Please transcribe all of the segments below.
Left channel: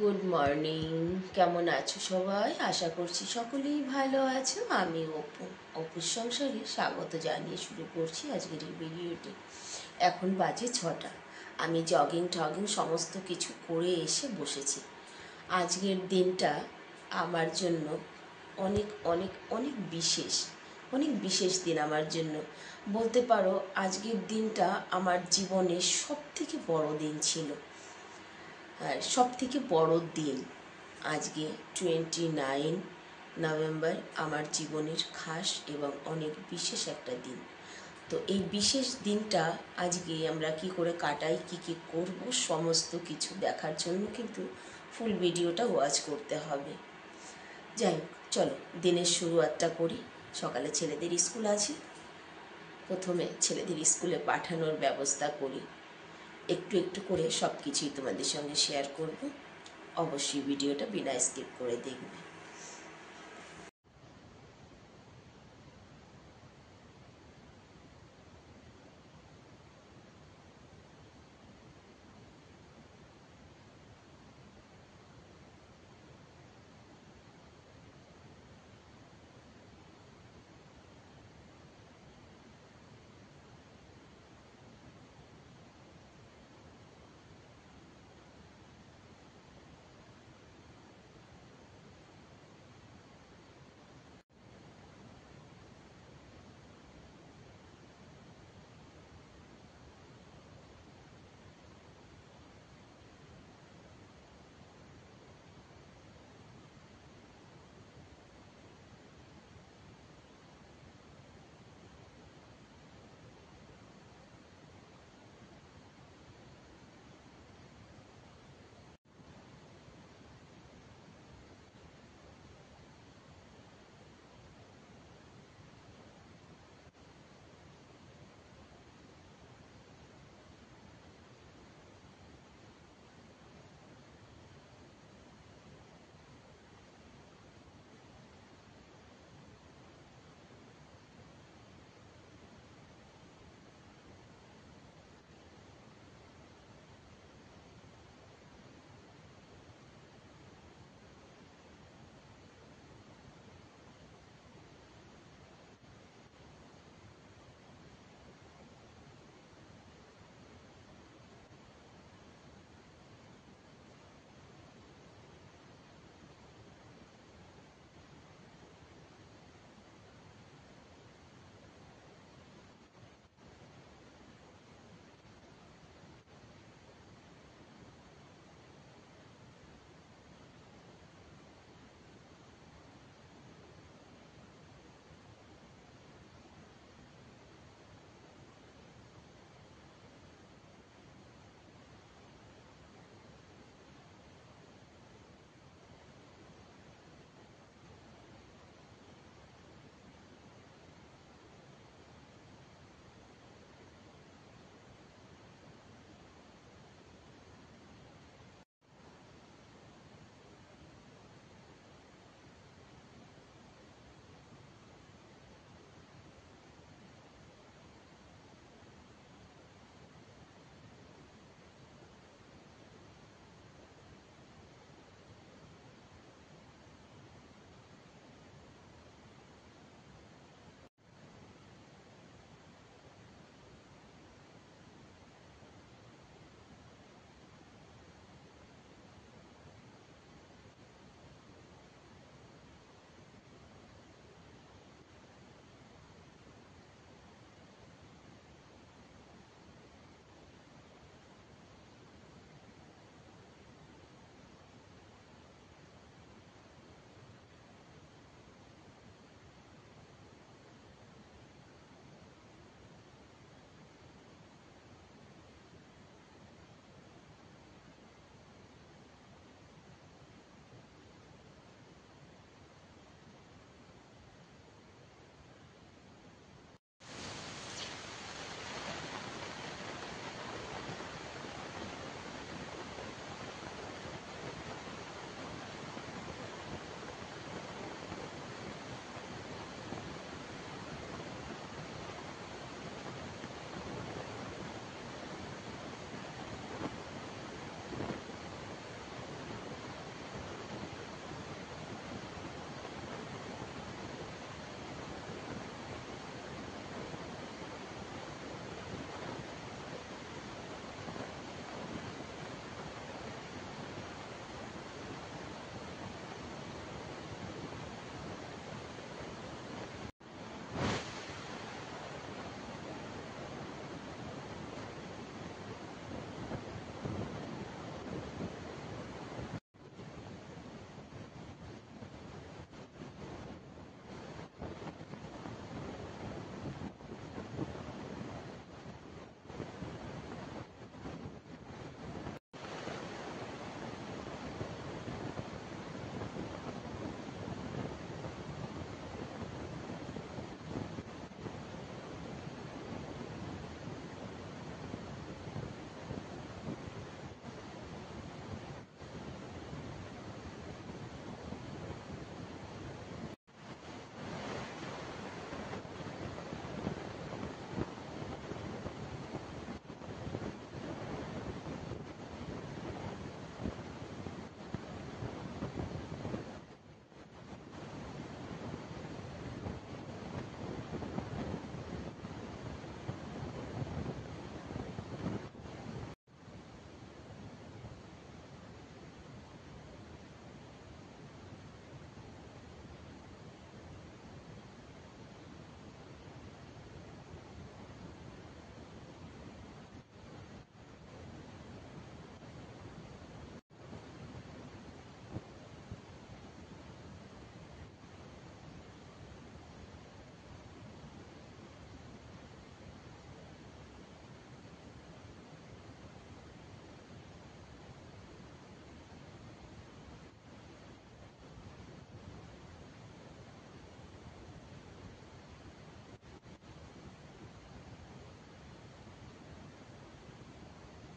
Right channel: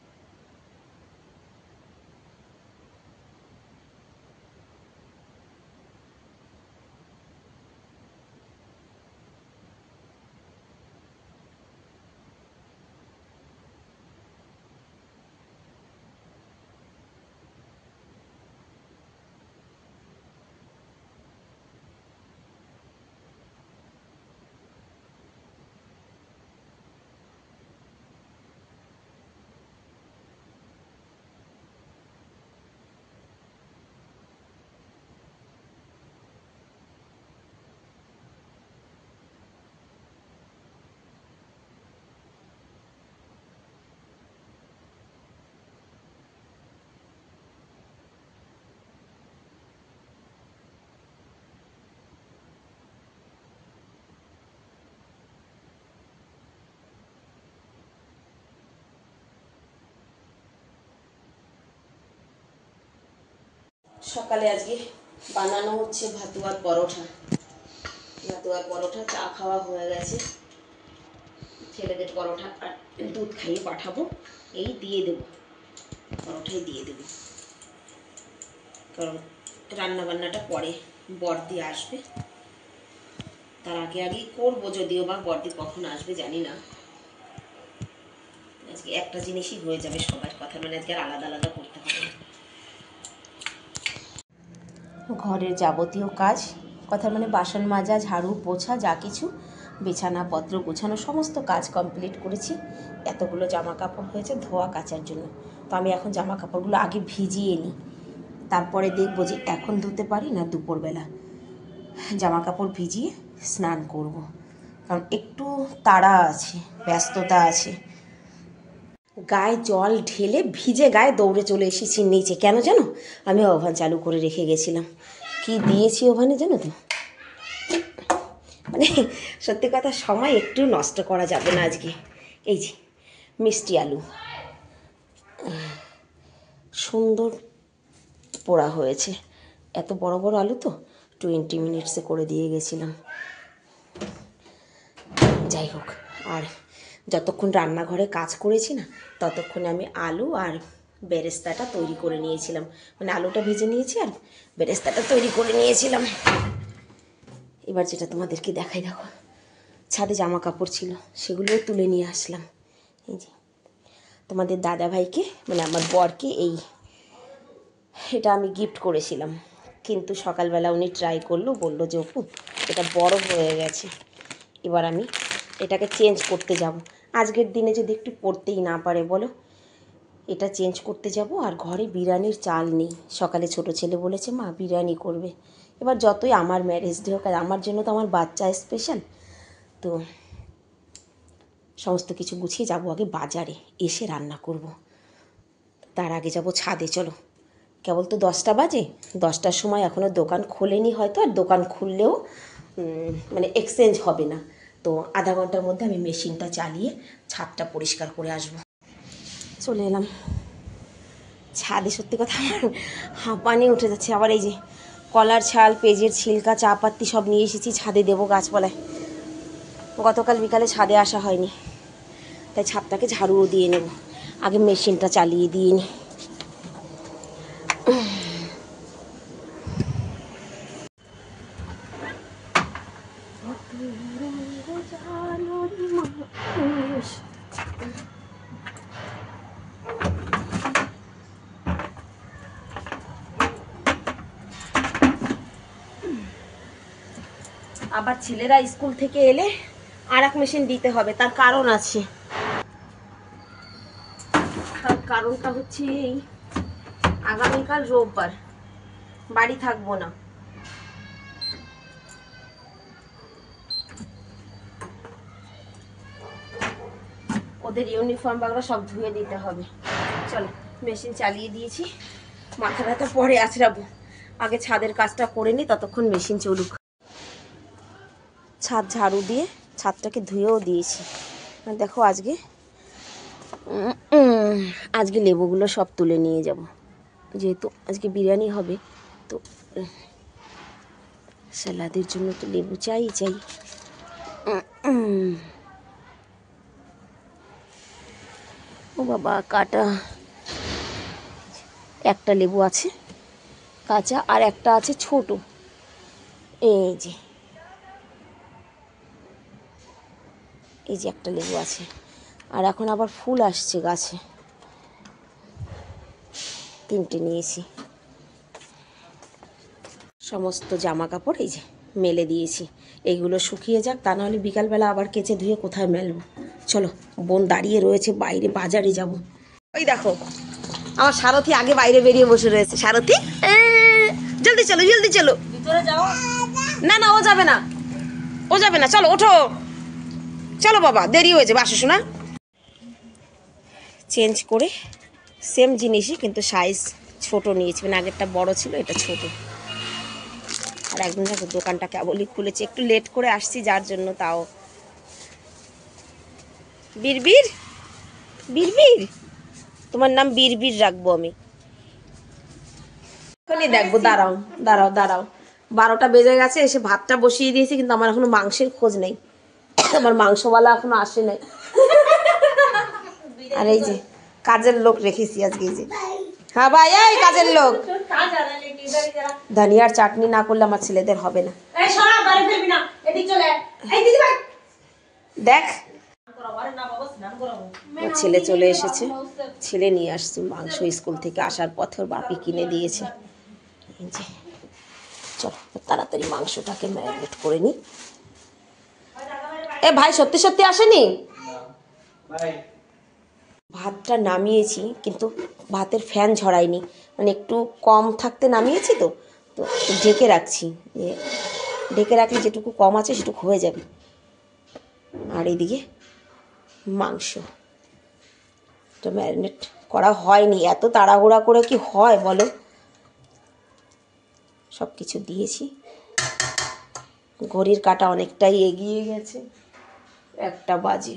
Good morning. কেমন আছো সবাই? আশা করছি সকলেই ভালো আছো। আমি অপুর সংসারে স্বাগত জানিয়ে শুরু করছি আজকের এই ভিডিওটি। এখন বাজে 6টা। আমি জগিং টগিং সমস্ত কিছু করে এসে বসেছি। আজকের দিনটা আমার জন্য অনেক অনেক অনেক বিশেষ দিন আমার জন্য। বলতে পারো আজকের দিনটা আমার জীবনের সবথেকে বড় দিন ছিল। সব থেকে বড় দিন আজকে 29 নভেম্বর আমার জীবনের খাস এবং অনেক বিশেষ একটা দিন। তো এই বিশেষ দিনটা আজকে আমরা কি করে কাটাই, কি করব, সমস্ত কিছু দেখার জন্য কিন্তু ফুল ভিডিওটা ওয়াচ করতে হবে। যাই হোক, চলো দিনের শুরুয়াতটা করি। সকালে ছেলেদের স্কুল আছে, প্রথমে ছেলেদের স্কুলে পাঠানোর ব্যবস্থা করি। একটু একটু করে সব কিছুই তোমাদের সঙ্গে শেয়ার করব। অবশ্যই ভিডিওটা বিনা স্কিপ করে দেখবে। সকালে আজকে বানানো হচ্ছে ভাতুয়ার পরোটা। চা খাওয়া হয়ে গেছে। ছেলেদের পরোটা আর দুধ খাইয়ে পাঠাবো। এই দিয়ে দেবো, পরোটাই দিয়ে দেবো, কারণ রান্নাবান্নাটা পরে বড়দি আসবে, তার আগেই করবো। যদিও বা বড়দি কখন আসবে জানি না। আজকে একটা জিনিসই হয়ে যাবে সবার কথা, মানে আজকে আর আলাদা আলাদা করতে হবে না। ঘরের যাবতীয় কাজ, কথা মানে বাসন মাজা, ঝাড়ু, পোছা, যা কিছু, বিছানাপত্র গোছানো, সমস্ত কাজ কমপ্লিট করেছি। এতগুলো জামা কাপড় হয়েছে ধোয়া কাচার জন্য। তো আমি এখন জামা কাপড়গুলো আগে ভিজিয়ে নিই, তারপরে দেখবো যে এখন ধুতে পারি না দুপুরবেলা। জামা কাপড় ভিজিয়ে স্নান করব, কারণ একটু তাড়া আছে, ব্যস্ততা আছে। গায়ে জল ঢেলে ভিজে গায়ে দৌড়ে চলে এসেছি নিচে। কেন জানো? আমি ওভেন চালু করে রেখে গেছিলাম। কি দিয়েছি ওভেনে জানো তো? মানে সত্যি কথা, সময় একটু নষ্ট করা যাবে না আজকে। এই যে মিষ্টি আলু সুন্দর পোড়া হয়েছে। এত বড় বড় আলু তো 20 মিনিটসে করে দিয়ে গেছিলাম। যাই হোক, আর যতক্ষণ রান্নাঘরে কাজ করেছি না, ততক্ষণে আমি আলু আর বেরেস্তাটা তৈরি করে নিয়েছিলাম। মানে আলুটা ভেজে নিয়েছি আর বেরেস্তাটা তৈরি করে নিয়েছিলাম। এবার যেটা তোমাদেরকে দেখাই, দেখো ছাদে জামা কাপড় ছিল, সেগুলোও তুলে নিয়ে আসলাম। এই যে তোমাদের দাদাভাইকে, মানে আমার বরকে এটা আমি গিফট করেছিলাম, কিন্তু সকালবেলা উনি ট্রাই করলো, বললো যে অপু এটা বড় হয়ে গেছে, এবার আমি এটাকে চেঞ্জ করতে যাব। আজকের দিনে যদি একটু পড়তেই না পারে বলো, এটা চেঞ্জ করতে যাব। আর ঘরে বিরিয়ানির চাল নেই। সকালে ছোট ছেলে বলেছে মা বিরিয়ানি করবে। এবার যতই আমার ম্যারেজ ডে হোক, আর আমার জন্য তো আমার বাচ্চা স্পেশাল, তো সমস্ত কিছু গুছিয়ে যাব আগে বাজারে, এসে রান্না করব। তার আগে যাব ছাদে। চলো, কেবল তো 10টা বাজে, 10টার সময় এখনও দোকান খোলেনি হয়তো, আর দোকান খুললেও মানে এক্সচেঞ্জ হবে না। তো আধা ঘন্টার মধ্যে আমি মেশিনটা চালিয়ে ছাদটা পরিষ্কার করে আসব। চলে এলাম ছাদে। সত্যি কথা আমার হাঁপানি উঠে যাচ্ছে। আবার এই যে কলার ছাল, পেঁয়াজের ছিলকা, চা পাত্তি সব নিয়ে এসেছি, ছাদে দেবো গাছপালায়। গতকাল বিকালে ছাদে আসা হয়নি, তাই ছাদটাকে ঝাড়ুও দিয়ে নেব। আগে মেশিনটা চালিয়ে দিয়ে নিই। আবার ছেলেরা স্কুল থেকে এলে আর এক মেশিন দিতে হবে, তার কারণ আছে। তার কারণটা হচ্ছে এই, আগামীকাল রোববার, বাড়ি থাকবো না। ওদের ইউনিফর্ম বাগরা সব ধুয়ে দিতে হবে। চলো, মেশিন চালিয়ে দিয়েছি, মাথা ব্যথা পরে আছড়াবো। আগে ছাদের কাজটা করে নিই, ততক্ষণ মেশিন চলুক। ছাদ ঝাড়ু দিয়ে ছাদটাকে ধুয়েও দিয়েছি। দেখো আজকে লেবুগুলো সব তুলে নিয়ে যাব, যেহেতু আজকে বিরিয়ানি হবে। তো স্যালাদের জন্য তো লেবু চাই। ও বাবা কাটা, একটা লেবু আছে কাঁচা আর একটা আছে ছোট, এই যে একটা লেবু আছে। আর এখন আবার ফুল আসছে গাছে, 3টে নিয়েছি। সমস্ত জামা কাপড় এই যে মেলে দিয়েছি, এইগুলো শুকিয়ে যাক, তা নাহলে বিকালবেলা আবার কেচে ধুয়ে কোথায় মেলবো। চলো, বোন দাঁড়িয়ে রয়েছে বাইরে, বাজারে যাব। ওই দেখো আমার সারথি আগে বাইরে বেরিয়ে বসে রয়েছে। সারথি জলদি চলো জলদি চলো, ভিতরে যাও। না না ও যাবে না, ও যাবে না, চলো ওঠো, চলো বাবা দেরি হয়েছে, বাসো শোনা। চেঞ্জ করে সেম জিনিসই কিন্তু সাইজ ছোট নিয়েছি, মানে আগেরটা বড় ছিল, এটা ছোট। আর একদিন দেখো দোকানটা কেবলই খুলেছে, একটু লেট করে আসছি যার জন্য। তাও বীরবীর, বীরবীর, তোমার নাম বীরবীর রাখবো আমি। এখনই দেখবো, দাঁড়াও দাঁড়াও দাঁড়াও, 12টা বেজে গেছে, এসে ভাতটা বসিয়ে দিয়েছি, কিন্তু আমার এখনো মাংসের খোঁজ নেই, আমার মাংসওয়ালা এখনো আসে নাই। আর এই যে কাজের লোক রেখেছি আজকে, এই যে হ্যাঁ ভাই, এই কাজের লোক। ধনিয়ার চাটনি না করলে আমার ছেলেদের হবে না। দেখ ছেলে চলে এসেছে, ছেলে নিয়ে আসছে মাংস স্কুল থেকে আসার পথে, ওর বাপি কিনে দিয়েছে। চলো তাড়াতাড়ি মাংসটাকে ম্যারিনেট করে নিই। এ ভাই সত্যি সত্যি আসেনি? ভাতটা নামিয়েছি কিন্তু ভাতের ফ্যান ঝরাইনি, মানে একটু কম থাকতে নামিয়েছি, তো তো ঢেকে রাখছি, ঢেকে রাখলে যেটুকু কম আছে সেটুকু হয়ে যাবে। আর এইদিকে মাংস এটা ম্যারিনেট করা হয়নি, এত তাড়াহুড়া করে কি হয় বলো, সব কিছু দিয়েছি। ঘড়ির কাঁটা অনেকটাই এগিয়ে গেছে, 1টা বাজে।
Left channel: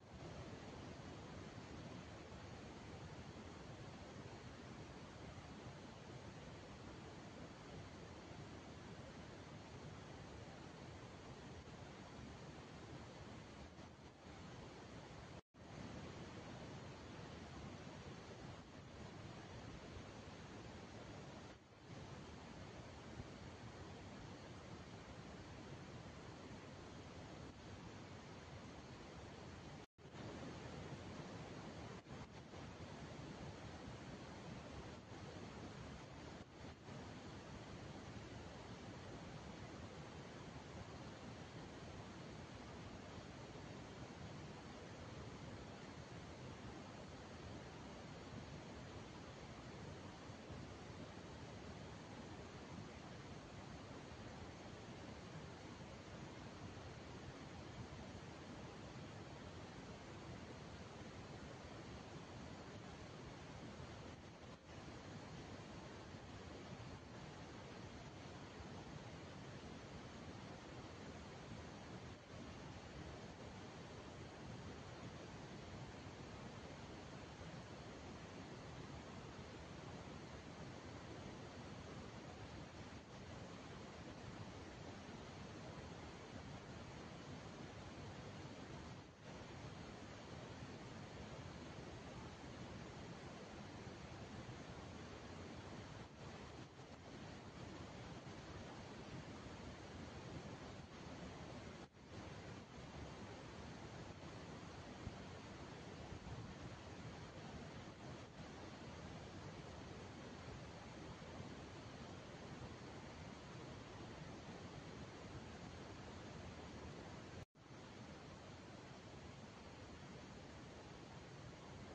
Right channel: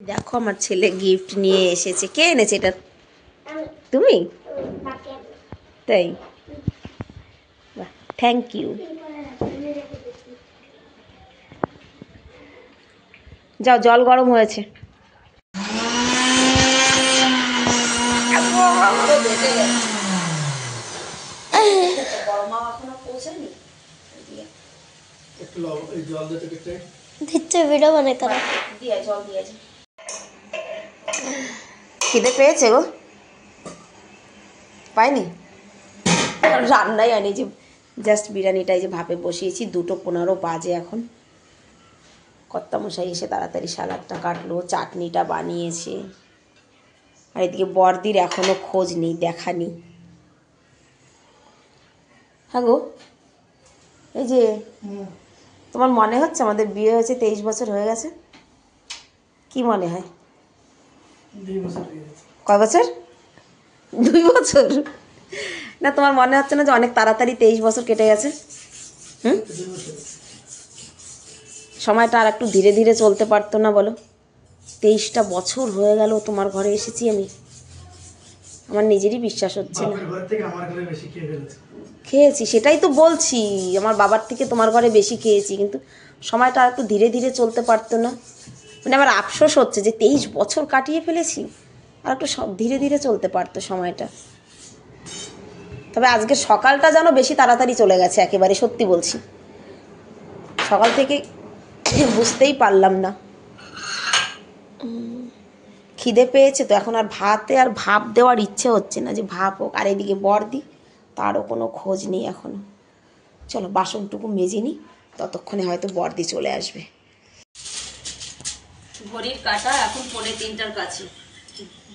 দেখো আমার ছেলে গিফট নিয়ে এসেছে। কে এনেছে এটা? তুমি? তাই, থ্যাংক ইউ। যাও, জল গরম হয়েছে। খিদে পেয়েছে গো, পাইনি, রান্নাই আনি, যে জাস্ট বিরিয়ানিটাই যে ভাপে বসিয়েছি। 2:15 বাজে এখন। কর্তামশাই এসে তাড়াতাড়ি সালাডটা কাটলো, চাটনিটা বানিয়েছে। আর এদিকে বড়দির এখনো খোঁজ নেই, দেখা নেই। হ্যাঁ গো, এই যে তোমার মনে হচ্ছে আমাদের বিয়ে হয়েছে 23 বছর হয়ে গেছে? কি মনে হয়? কয় বছর? 2 বছর? না তোমার মনে হচ্ছে না যে অনেক তাড়াতাড়ি 23 বছর কেটে গেছে? হুম, সময়টা আর একটু ধীরে ধীরে চলতে পারতো না বলো? 23টা বছর হয়ে গেল তোমার ঘরে এসেছি আমি, আমার নিজেরই বিশ্বাস হচ্ছে না। খেয়েছি, সেটাই তো বলছি, আমার বাবার থেকে তোমার ঘরে বেশি খেয়েছি, কিন্তু সময়টা আর একটু ধীরে ধীরে চলতে পারতো না? মানে আমার আফসোস হচ্ছে যে 23 বছর কাটিয়ে ফেলেছি, আর একটু ধীরে ধীরে চলতে পারতো সময়টা। তবে আজকে সকালটা যেন বেশি তাড়াতাড়ি চলে গেছে একেবারে, সত্যি বলছি। সকাল থেকে বুঝতেই পারলাম না। খিদে পেয়েছে তো এখন, আর ভাতে আর ভাপ দেওয়ার ইচ্ছে হচ্ছে না যে ভাপ হোক। আর এদিকে বড়দি, তারও কোনো খোঁজ নেই এখনো। চলো বাসনটুকু মেজে নিই, ততক্ষণে হয়তো বড়দি চলে আসবে। ঘড়ির কাঁটা এখন 2:45 কাছে,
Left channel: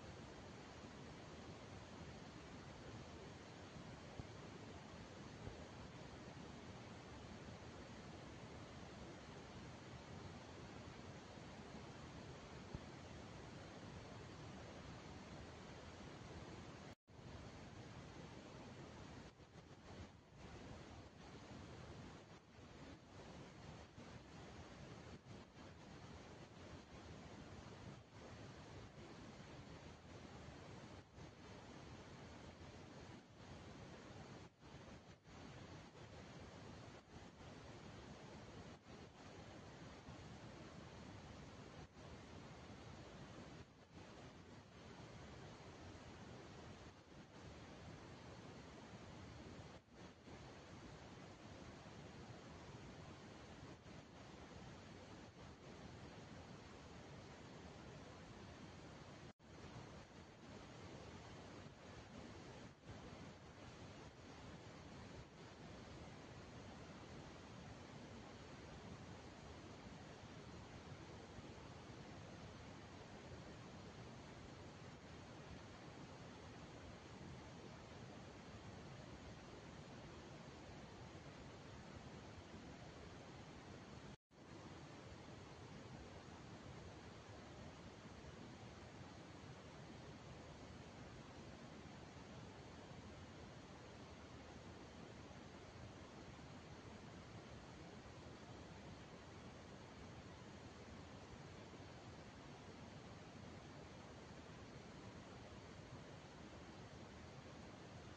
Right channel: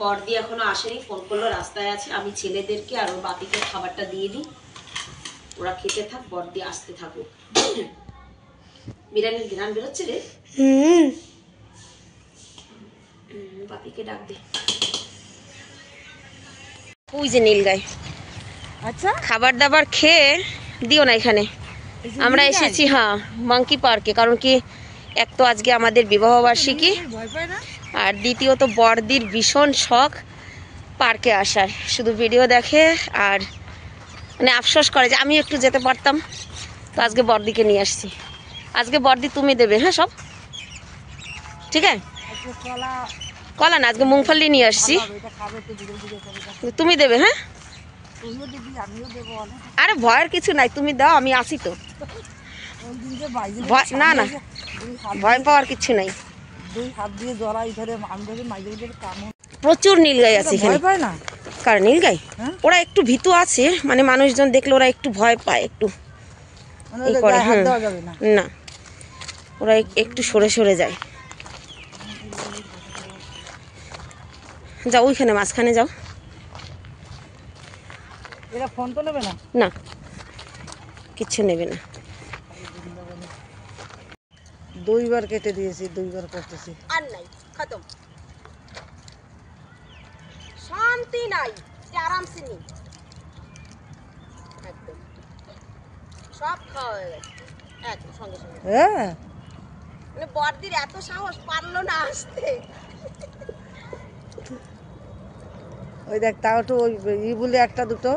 বড়দি এখনো আসেনি। ফোন করলো, রাস্তায় আছে। আমি ছেলেদেরকে আর ওর বাপিকে খাবারটা দিয়ে দিই, ওরা খেতে থাক, বড়দি আসতে থাকুক। বিরিয়ানির ঘ্রাণ বেরোচ্ছে রে। বাপিকে ডাক দে। ওই যে নীল গাই। আচ্ছা, খাবার দাবার খেয়ে দিও না এখানে। আমরা এসেছি হ্যাঁ মাঙ্কি পার্কে, কারণ কি এক তো আজকে আমাদের বিবাহবার্ষিকী, আর দ্বিতীয়ত বড়দির ভীষণ শখ পার্কে আসার। শুধু ভিডিও দেখে আর মানে আফসোস করে যে আমি একটু যেতে পারতাম, তো আজকে বড়দিকে নিয়ে আসছি। আজকে বড়দি তুমি দেবে, হ্যাঁ সব ঠিক আছে। কলা না, আজকে মুংফলি নিয়ে আসছি। তুমি দেবে? হ্যাঁ, আরে ভয়ের কিছু নাই, তুমি দাও, আমি আসি তো। না না, ভয় পাওয়ার কিছু নাই। প্রচুর নীলগাই আছে এখানে। কার নীলগাই? ওরা একটু ভীতু আছে, মানে মানুষজন দেখলে ওরা একটু ভয় পায়, একটু করে। না, ওরা একটু সরে সরে যায়। যাও ওইখানে মাঝখানে যাও। এরা ফোন তো নেবে না? না, কিচ্ছু নেবে না। 2 বার কেটে দিয়েছি, 2 বার করতেছি। আর নাই, খতম। শান্তি নাই, আরামসে নেই, একদম সব খাওয়া হয়ে গেছে একদম সঙ্গে সঙ্গে। হ্যাঁ, মানে বড়দির এত সাহস, পারলো না আসতে। ওই দেখ, তাও তো ওই বলে একটা দুটো।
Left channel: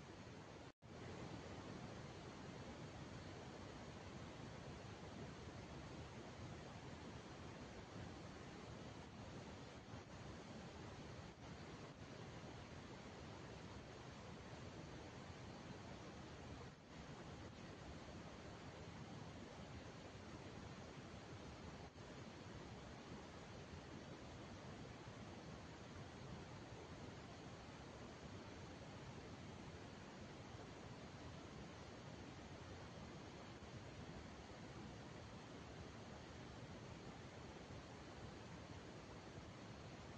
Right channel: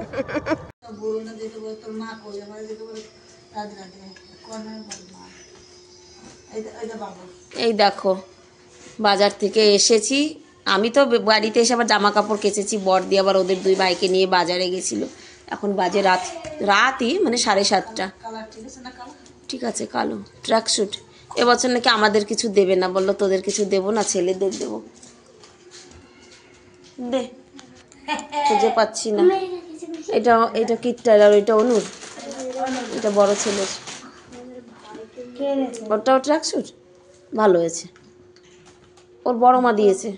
এই দেখো, বাজার থেকে এসেছি। আমি তো বাড়িতে এসে আবার জামা কাপড় কেচেছি, বড়দি আবার ওদের 2 ভাইকে নিয়ে বাজারে গেছিল। এখন বাজে রাতই মানে 7:30। ঠিক আছে, কালো ট্র্যাকস্যুট। এবছর নাকি আমাদের কিছু দেবে না, বললো তোদের কিছু দেবো না, ছেলেদের দেবো। দে, খুঁজে পাচ্ছি না। এটা কিটটার, আর ওইটা অনুর, এটা বড় ছেলের। ওটাও ট্র্যাকস্যুট ভালো হয়েছে, ওর বড় মা দিয়েছে।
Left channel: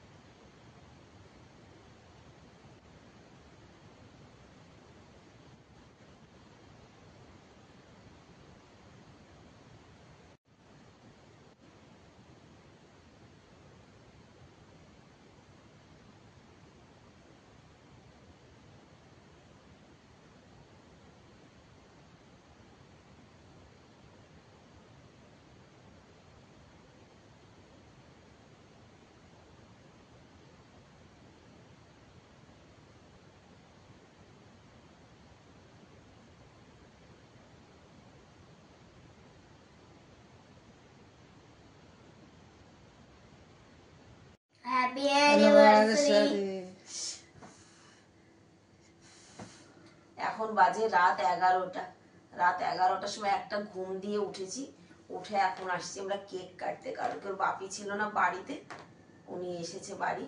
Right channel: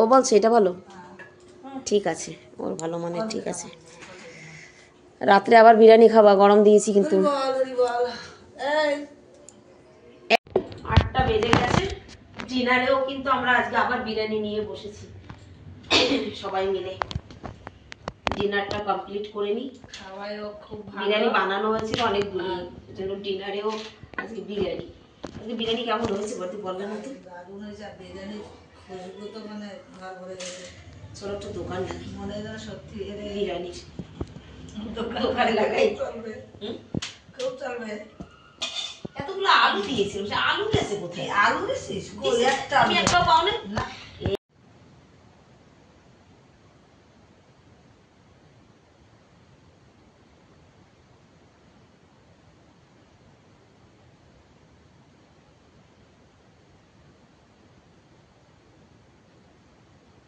ও বলছে এটা ভালো, ঠিক আছে, ওর ভালো মানে ঠিক আছে। রাত্রে আবার বিরিয়ানি খাবা, গরম দিয়েছি কিন্তু। 8টা বেজে গেছে, ডিনারেও কিন্তু আমরা আজকে আবার বিরিয়ানি নিয়ে বসেছি সবাই মিলে। ডিনারটা কমপ্লিট করে নিই। বিরিয়ানি বানানো হয়েছিল অনেক দূরে, জন্য ডিনারেও আজকে বিরিয়ানি। আজকে বিরিয়ানি কেমন হয়েছে বলতে বললেন না তো? ছোট একটা দোকান বিরিয়ানির দোকান লাগাই। এতগুলো আলু দিয়েছিল, সে আলু গেছে কোথায়? আলু দিয়েছিস? আমি একটাও পাও না। এখন বাজে রাত 11টা। রাত 11টার সময় একটা ঘুম দিয়ে উঠেছি, উঠে এখন আসছি আমরা কেক কাটতে, কারণ কেউ বাপি ছিল না বাড়িতে, উনি এসেছে বাড়ি,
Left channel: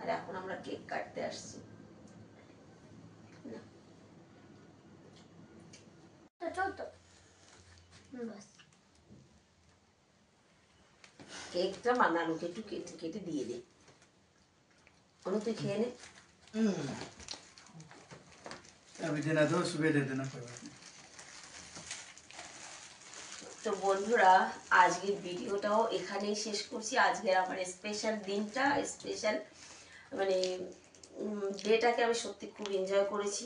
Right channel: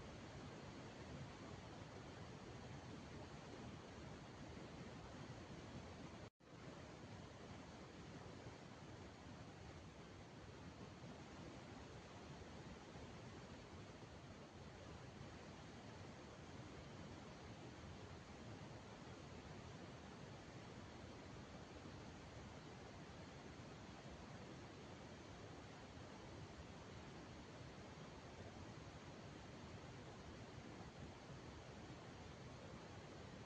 আর এখন আমরা কেক কাটতে আসছি। কেকটা বানানোকে একটু কেটে কেটে দিয়ে দে, অনু তুই খেয়ে নে। अभी देना दो, सुबह दे देना कोई बात नहीं। তো বন্ধুরা, আজকের ভিডিওটাও এখানেই শেষ করছি। আজকের আমার স্পেশাল দিনটা, স্পেশাল মানে ডেটাকে আমি সত্যি খুব এনজয় করেছি।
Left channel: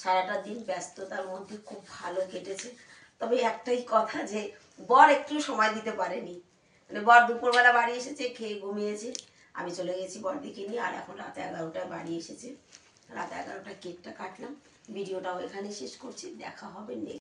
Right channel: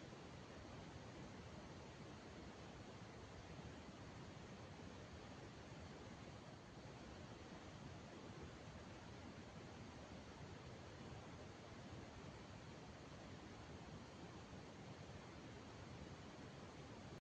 সারাটা দিন ব্যস্ততার মধ্যে খুব ভালো কেটেছে। তবে একটাই কথা, যে বর একটু সময় দিতে পারেনি। মানে বর দুপুরবেলা বাড়ি এসেছে, খেয়ে ঘুমিয়েছে, আমি চলে গেছি বরদিকে নিয়ে, আর এখন রাত 11টায় বাড়ি এসেছে। রাত 11টায় কেকটা কাটলাম। ভিডিওটাও এখানে শেষ করছি, দেখা হবে নেক্সট।